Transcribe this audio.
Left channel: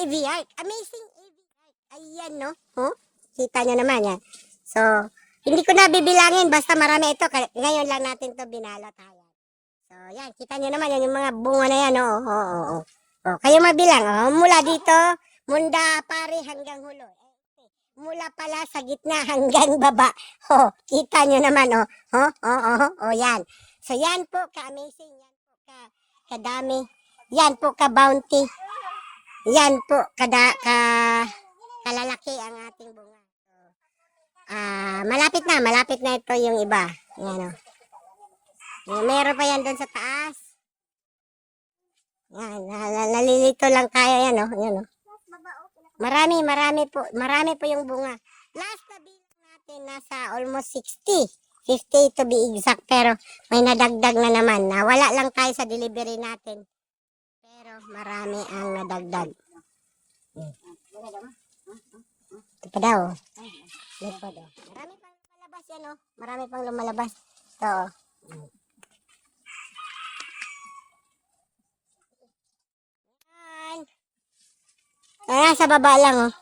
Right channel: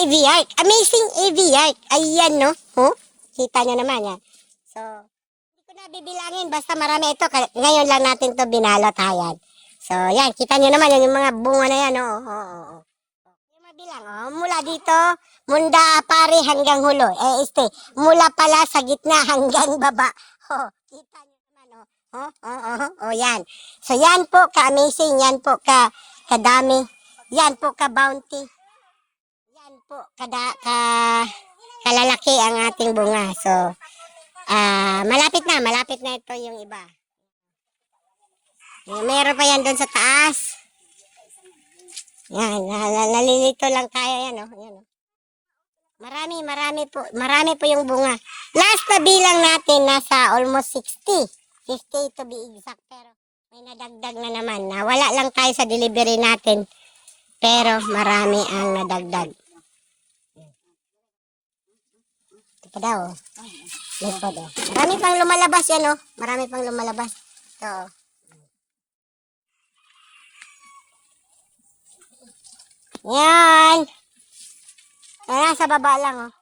AV art. Amazing AV art. Ayan, no? Oh, kita nyo naman yan. So, hindi ko na bibilangin. Basta marami ito. Ngayon lang natin to binalot. Ayan. So, yan. Kita nyo naman yan. Yung mga bunga na yan. Oh, oh, oh, oh. Oh, kayo mabilang. Oh, mula dito, munda pare hanggang hulo. Mula pala sa gitna hanggang baba. Oh, kita nyo naman. Oh, oh, oh, oh, oh, yan. So, yan po ka-amazing. Yan po kadami. Yan po ka-bounty. Yan po kalalaki ang ating bunga. So, malapit na ito yung iba. Yan, oh. Meron pa yan doon sa taas. Yan, nalilito lang tayo yan, oh. Yan, oh. Marami po yung bunga. Last na bilang natin nasa almost 60. 50 to be exact, pero may nadagdag na naman. Wala lang tayo sa delivery natin, pero marami ang nadagdag. Ito pa daw. Marami pang lumalabas yan, oh. Marami pang lumalabas. Ito, oh. Yan. Sa baba lang, oh.